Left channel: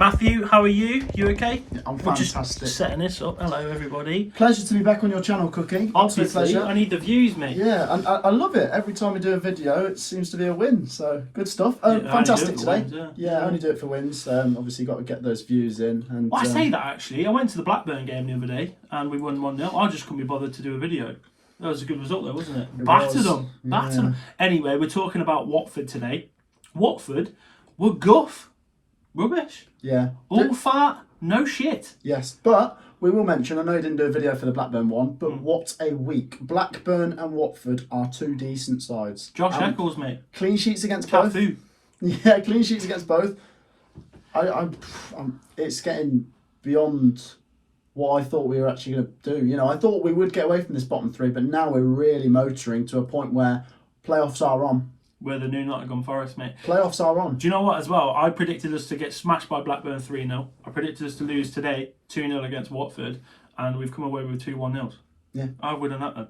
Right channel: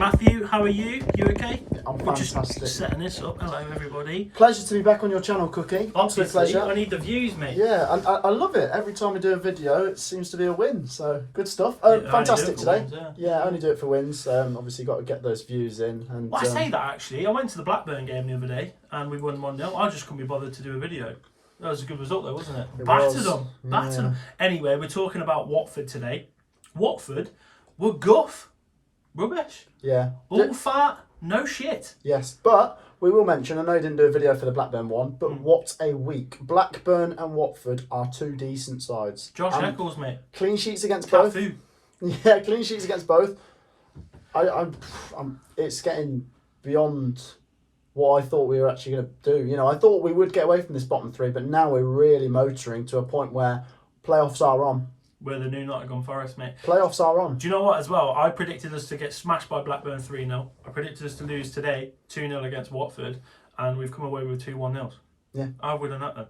Matthew, how are you? You okay? Yeah, I'm We're fantastic. just setting this up. Hello, everybody. Pleasure to be back on your channel, Cookie. Absolute Obviously, pleasure. I need the views, mate. Yeah, and I love it. Every time we do a video, it seems to be a win. So good stuff. Yeah, Fantastic I only do it today. for wins, I only do it for wins. Obviously, got to get those views in. And Well, I say that actually. I went to the Blackburn game the other day and we won 1-0. I just couldn't be bothered to do a video. That was a good result, though, wasn't it? It Battered was. them. Battered Yeah. them. Anyway, we're talking about Watford today. Watford were guff. Rubbish. Yeah. All fat. No shit. Yes, but we will mention, I know you didn't do a video for the Blackburn one, but what a week. Blackburn and Watford are two decent sides. Josh Eccles, mate. Clean sheets against both. Cafu. Yeah, clean sheets against both. It's getting beyond what I thought we were actually going to do. You know, I thought we would get away from this bottom three, but now we're really motoring to a point where playoffs are on. We're the new Nottingham Forest, mate. Playoffs are on. Do you know what, as well? I predicted us to get smashed by Blackburn 3-0. I predicted us to lose today 2-0 against Watford, and we've come away with 2 1-0s. Yeah. I would have done that then.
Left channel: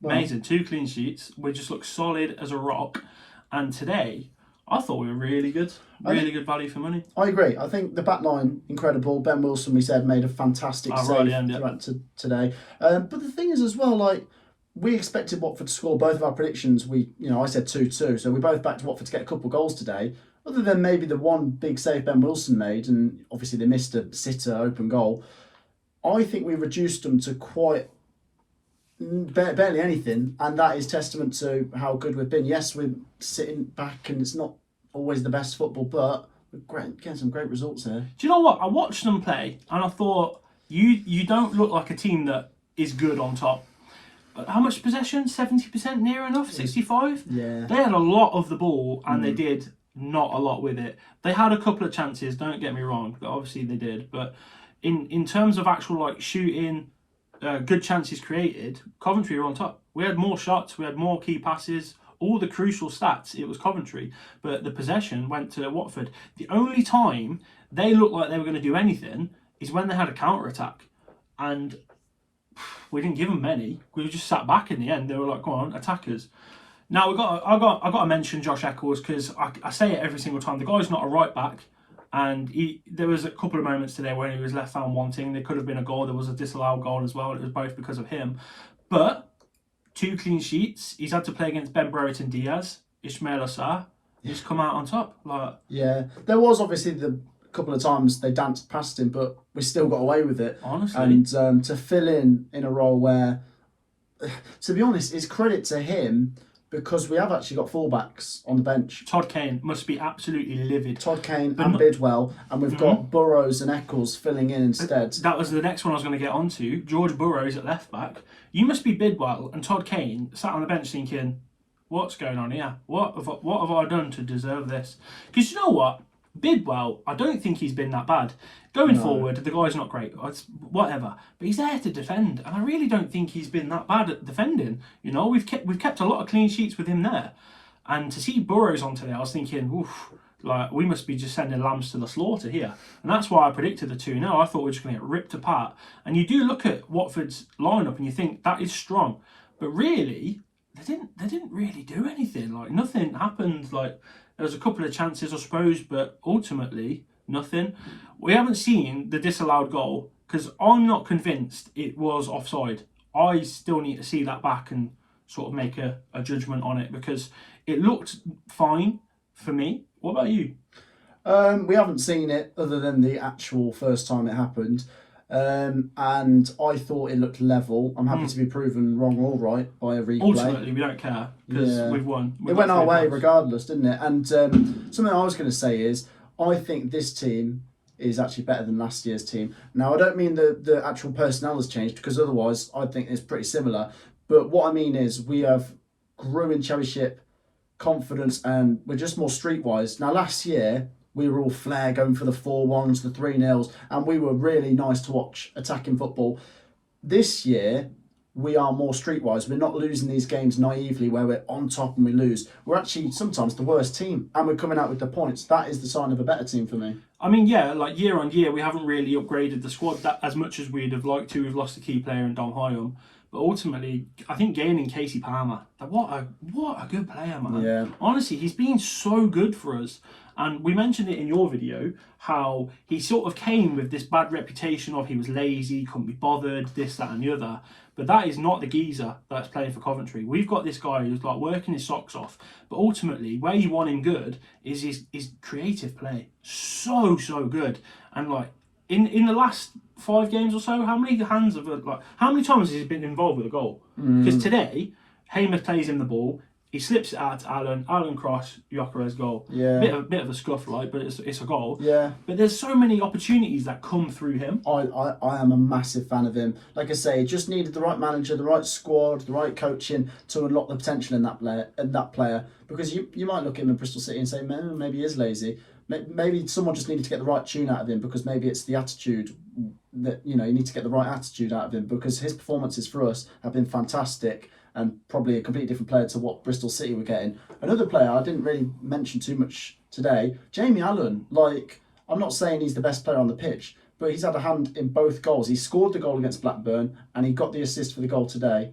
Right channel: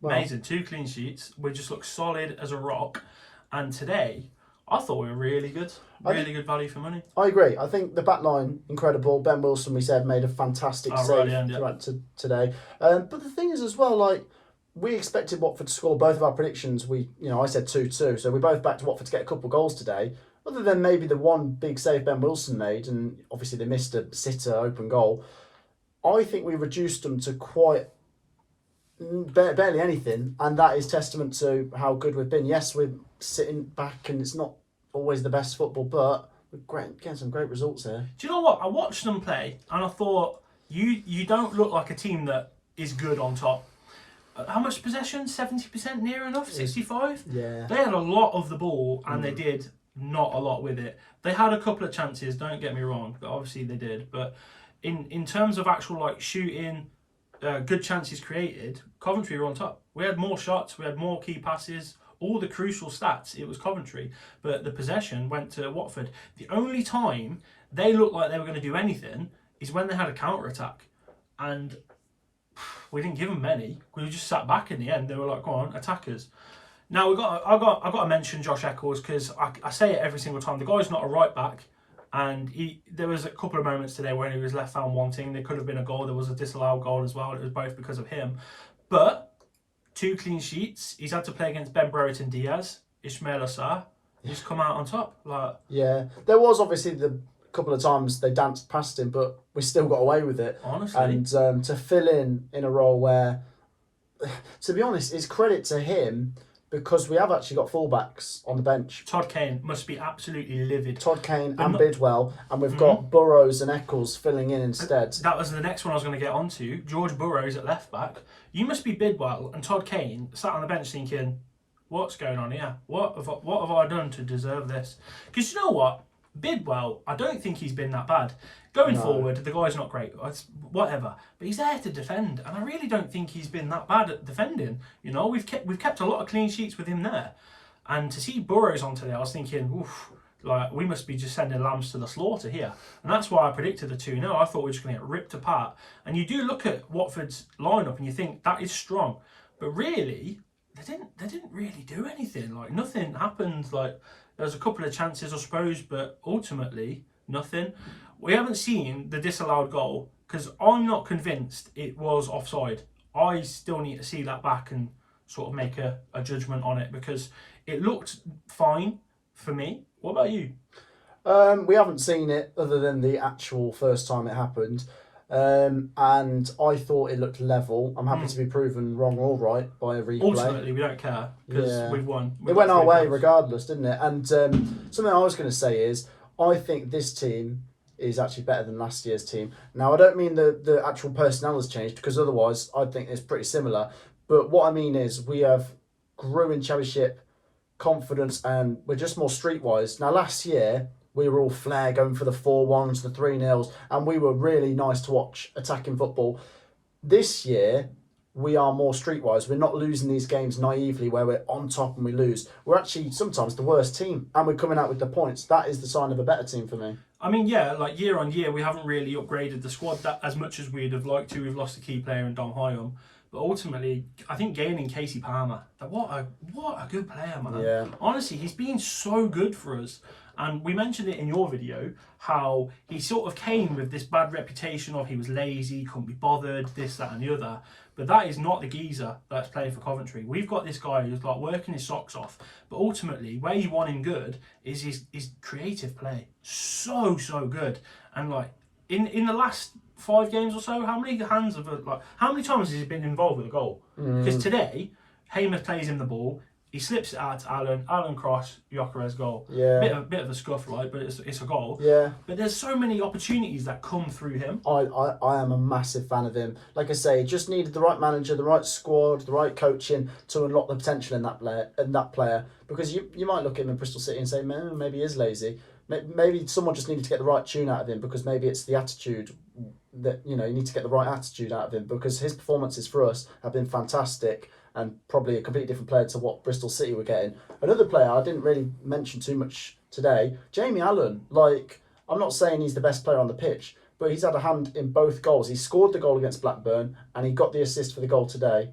Well, Amazing. 2 clean sheets. We just look solid as a rock. And today, I thought we were really good. Really good value for money. I agree. I think the back line, incredible. Ben Wilson, we said, made a fantastic save right at the end, yeah. throughout today. But the thing is as well, like, we expected Watford to score both of our predictions. I said 2-2, so we both backed Watford to get a couple of goals today. Other than maybe the one big save Ben Wilson made, and obviously they missed a sitter open goal. I think we reduced them to quite barely anything, and that is testament to how good we've been. Yes, we're sitting back, and it's not always the best football, but we're getting some great results here. Do you know what? I watched them play, and I thought, you don't look like a team that is good on top. How much possession? 70% near enough? 65? Yeah. They had a lot of the ball and they did not a lot with it. They had a couple of chances, don't get me wrong, but obviously they did. But in terms of actual like shooting, good chances created, Coventry were on top. We had more shots, we had more key passes, all the crucial stats, it was Coventry. But the possession went to Watford. The only time they looked like they were going to do anything is when they had a counter-attack. And we didn't give them many. We just sat back in the end. They were like, "Go on, attackers." Now I got to mention Josh Eccles because I say it every single time. The guy's not a right back, and there was a couple of moments today when he was left found wanting. There could have been a goal. There was a disallowed goal as well. It was both because of him. But 2 clean sheets. He's had to play against Ben Brereton Diaz, Ismail Assar. He's come out on top. Like, yeah, there was obviously the couple of times they danced past him, but we still got away with it. Honestly. And to fill in a role where, to be honest, it's credit to him because we have actually got fullbacks on the bench. Todd Kane must be absolutely livid. Todd Kane and Bidwell, and we've got Burrows and Eccles filling in instead. That was the next one I was going to get onto. George Burrows at left back. You must be Bidwell and Todd Kane sat on the bench thinking, what's going on here? What have I done to deserve this? Because you know what? Bidwell, I don't think he's been that bad. Going forward, the guy's not great. It's whatever. But he's there to defend. And I really don't think he's been that bad at defending. You know, we've kept a lot of clean sheets with him there. And to see Burrows on today, I was thinking, oof, like we must be just sending lambs to the slaughter here. And that's why I predicted the 2-0. I thought we were just going to get ripped apart. And you do look at Watford's lineup and you think that is strong. But really, they didn't really do anything. Like nothing happened. Like there was a couple of chances, I suppose, but ultimately nothing. We haven't seen the disallowed goal because I'm not convinced it was offside. I still need to see that back and sort of make a judgment on it because it looked fine for me. What about you? We haven't seen it other than the actual first time it happened. And I thought it looked level. I'm happy to be proven wrong or right by a replay. Ultimately, we don't care because we've won. It went our way regardless, didn't it? And something I was going to say is I think this team is actually better than last year's team. Now, I don't mean the actual personnel has changed because otherwise I think it's pretty similar. But what I mean is we have grew in Championship confidence and we're just more streetwise. Now, last year we were all flair going for the 4-1s, the 3-0s, and we were really nice to watch attacking football. This year, we are more streetwise. We're not losing these games naively where we're on top and we lose. We're actually sometimes the worst team and we're coming out with the points. That is the sign of a better team for me. I mean, yeah, like year on year, we haven't really upgraded the squad that as much as we'd have liked to. We've lost a key player in Dom Hyam. But ultimately, I think gaining Casey Palmer, what a good player, man. Yeah. Honestly, he's been so good for us. And we mentioned it in your video, how he sort of came with this bad reputation of he was lazy, couldn't be bothered, this, that and the other. But that is not the geezer that's playing for Coventry. We've got this guy who's like working his socks off. But ultimately, where you want him good is his creative play. So good. And like in the last 5 games or so, how many times has he been involved with a goal? Because today, Hamer plays him the ball. He slips it out to Alan cross, Gyökeres goal. Yeah. Bit of a scuff, right? But it's a goal. Yeah. But there's so many opportunities that come through him. I am a massive fan of him. Like I say, he just needed the right manager, the right squad, the right coaching to unlock the potential in that player. Because you might look at him in Bristol City and say, man, maybe he is lazy. Maybe someone just needed to get the right tune out of him, because maybe it's the attitude that, you need to get the right attitude out of him, because his performances for us have been fantastic. And probably a completely different player to what Bristol City were getting. Another player I didn't really mention too much today, Jamie Allen. Like, I'm not saying he's the best player on the pitch, but he's had a hand in both goals. He scored the goal against Blackburn, and he got the assist for the goal today.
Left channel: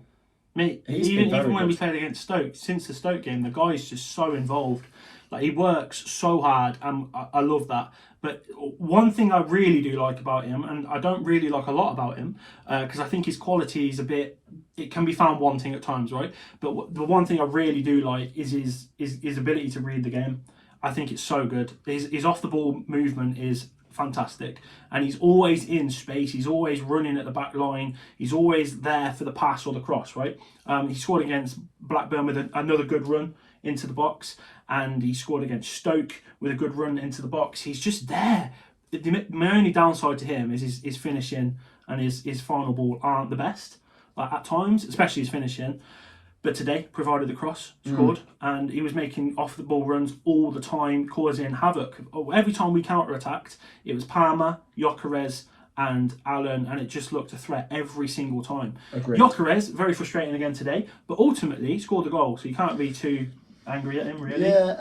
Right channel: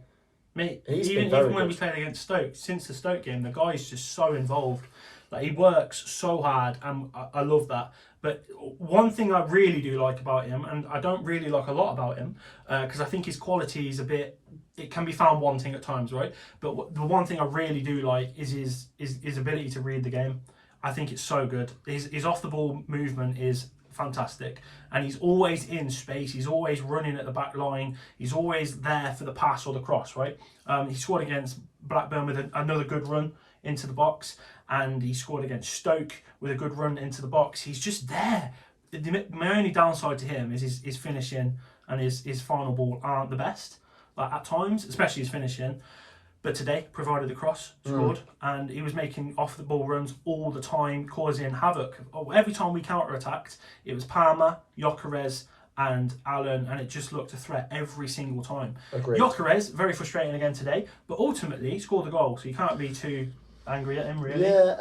Mate, even when we played against Stoke, since the Stoke game, the guy's just so involved. Like, he works so hard, and I love that. But one thing I really do like about him, and I don't really like a lot about him, because I think his quality is it can be found wanting at times, right? But the one thing I really do like is his ability to read the game. I think it's so good. His off the ball movement is fantastic, and he's always in space. He's always running at the back line. He's always there for the pass or the cross, right? He scored against Blackburn with another good run into the box, and he scored against Stoke with a good run into the box. He's just there. My only downside to him is his finishing and his final ball aren't the best, like at times, especially his finishing. But today, provided the cross, scored, and he was making off the ball runs all the time, causing havoc. Every time we counter-attacked, it was Palmer, Gyökeres, and Allen, and it just looked a threat every single time. Agreed. Gyökeres, very frustrating again today, but ultimately scored the goal, so you can't be too angry at him, really. Yeah,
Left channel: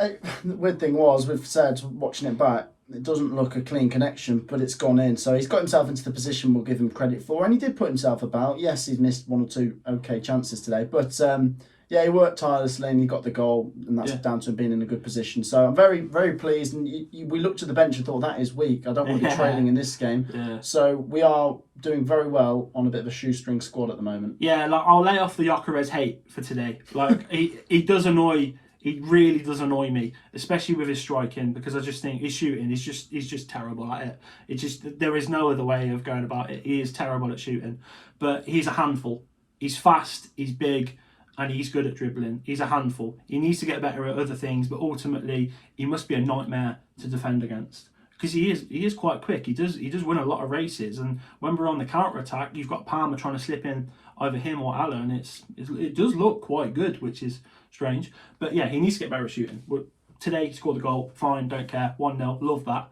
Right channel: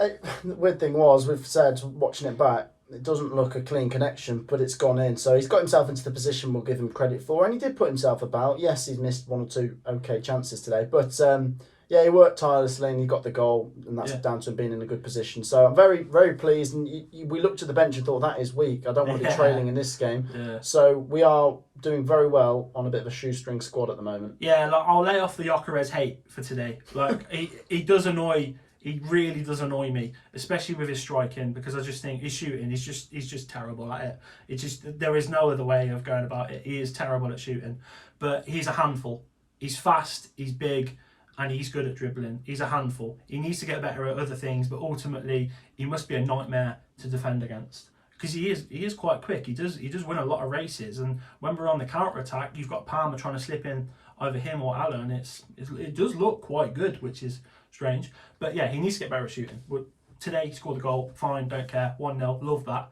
the weird thing was, we've said, watching it back, it doesn't look a clean connection, but it's gone in. So he's got himself into the position we'll give him credit for, and he did put himself about. Yes, he's missed 1 or 2 okay chances today, but yeah, he worked tirelessly and he got the goal, and that's down to him being in a good position. So I'm very, very pleased. And we looked at the bench and thought, that is weak. I don't want to be trailing in this game. Yeah. So we are doing very well on a bit of a shoestring squad at the moment. Yeah, like, I'll lay off the Gyökeres hate for today. Like, he does annoy. He really does annoy me, especially with his striking, because I just think his shooting he's just terrible at it. There is no other way of going about it. He is terrible at shooting, but he's a handful. He's fast, he's big, and he's good at dribbling. He's a handful. He needs to get better at other things, but ultimately he must be a nightmare to defend against, because he is quite quick. He does win a lot of races, and when we're on the counter attack, you've got Palmer trying to slip in either him or Allen. It does look quite good, which is strange. But yeah, he needs to get better at shooting. Today he scored the goal, fine, don't care, 1-0, love that.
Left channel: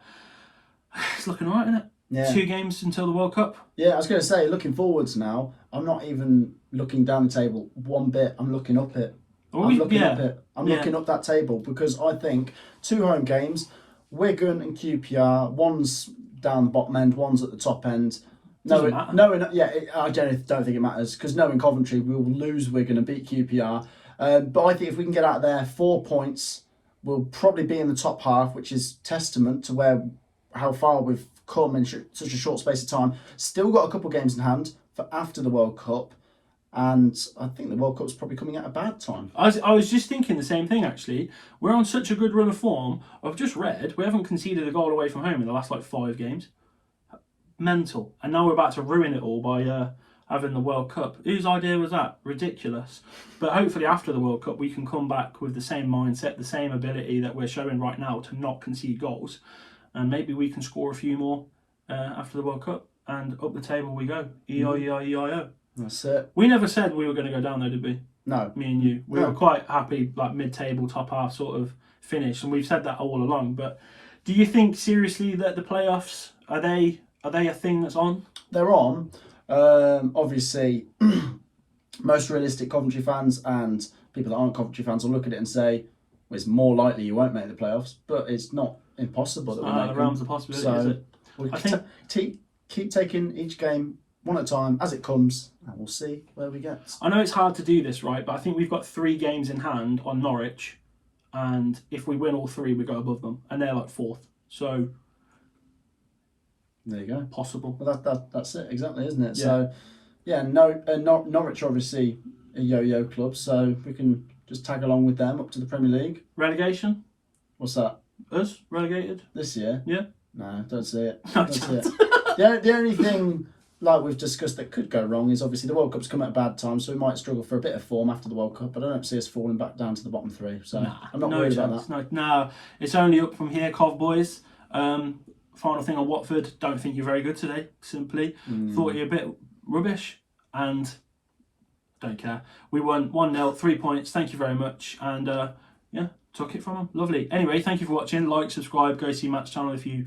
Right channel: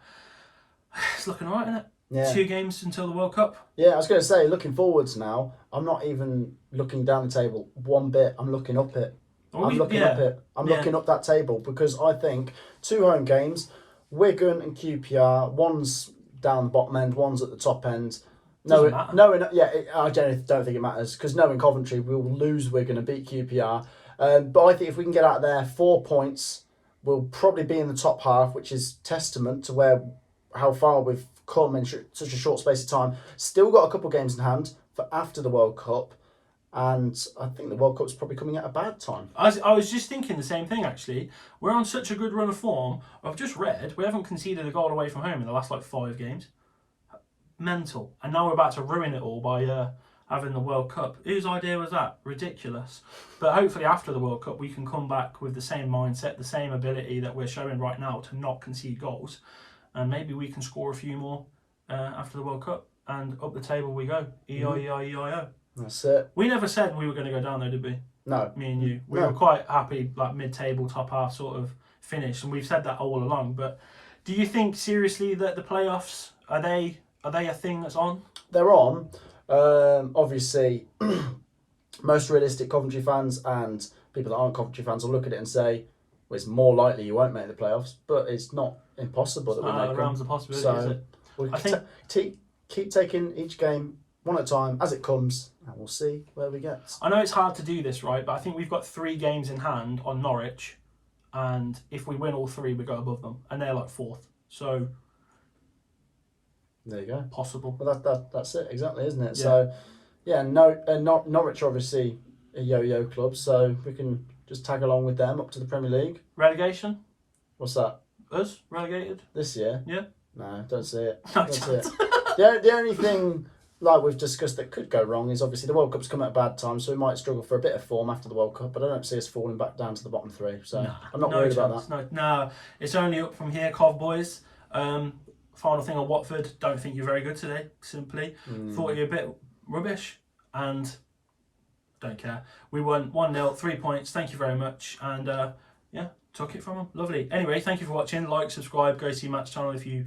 It's looking alright, isn't it? Yeah. 2 games until the World Cup. Yeah, I was going to say, looking forwards now, I'm not even looking down the table one bit, I'm looking up it. I'm looking up that table, because I think 2 home games, Wigan and QPR, one's down the bottom end, one's at the top end. Doesn't matter. I generally don't think it matters, because knowing Coventry, we'll lose Wigan and beat QPR. But I think if we can get out there, 4 points, we'll probably be in the top half, which is testament to how far we've come in such a short space of time. Still got a couple of games in hand for after the World Cup, and I think the World Cup's probably coming at a bad time. I was just thinking the same thing, actually. We're on such a good run of form. I've just read we haven't conceded a goal away from home in the last 5 games. Mental. And now we're about to ruin it all by having the World Cup. Whose idea was that? Ridiculous. But hopefully after the World Cup we can come back with the same mindset, the same ability that we're showing right now to not concede goals, and maybe we can score a few more after the World Cup, and up the table we go. E-I-E-I-E-I-O. That's it. We never said we were going to go down though, did we? No. Me and you. We were quite happy, like mid-table, top half sort of finish, and we've said that all along. But do you think seriously that the playoffs, are they a thing that's on? They're on. Obviously, most realistic Coventry fans and people that aren't Coventry fans will look at it and say, well, it's more likely you won't make the playoffs, but it's not impossible. It's not out of the realms of possibility, is it? I think keep taking each game one at a time as it comes, and we'll see where we get. I know it's hard to do this, right? But I think we've got 3 games in hand on Norwich, and if we win all 3, we go above them, and they're like 4th. So there you go. Possible. Well, that's it exactly, isn't it? Yeah. So yeah, Norwich are obviously a yo-yo club, so we can just tag along with them up to the Premier League. Relegation? What's that? Us relegated This year? Yeah. No, don't see it. No Don't see chance. it. The only thing, like we've discussed, that could go wrong is obviously the World Cup's come at a bad time, so we might struggle for a bit of form after the World Cup. But I don't see us falling back down to the bottom 3, so I'm not worried about that. No, it's only up from here, Cov boys. Final thing on Watford, don't think you're very good today, simply. Thought you were a bit rubbish, and don't care. We won 1-0, 3 points, thank you very much, and yeah, took it from them. Lovely. Anyway, thank you for watching. Like, subscribe, go see Matt's channel if you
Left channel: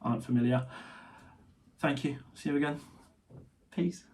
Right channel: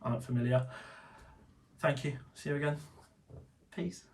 aren't familiar. Thank you. See you again. Peace.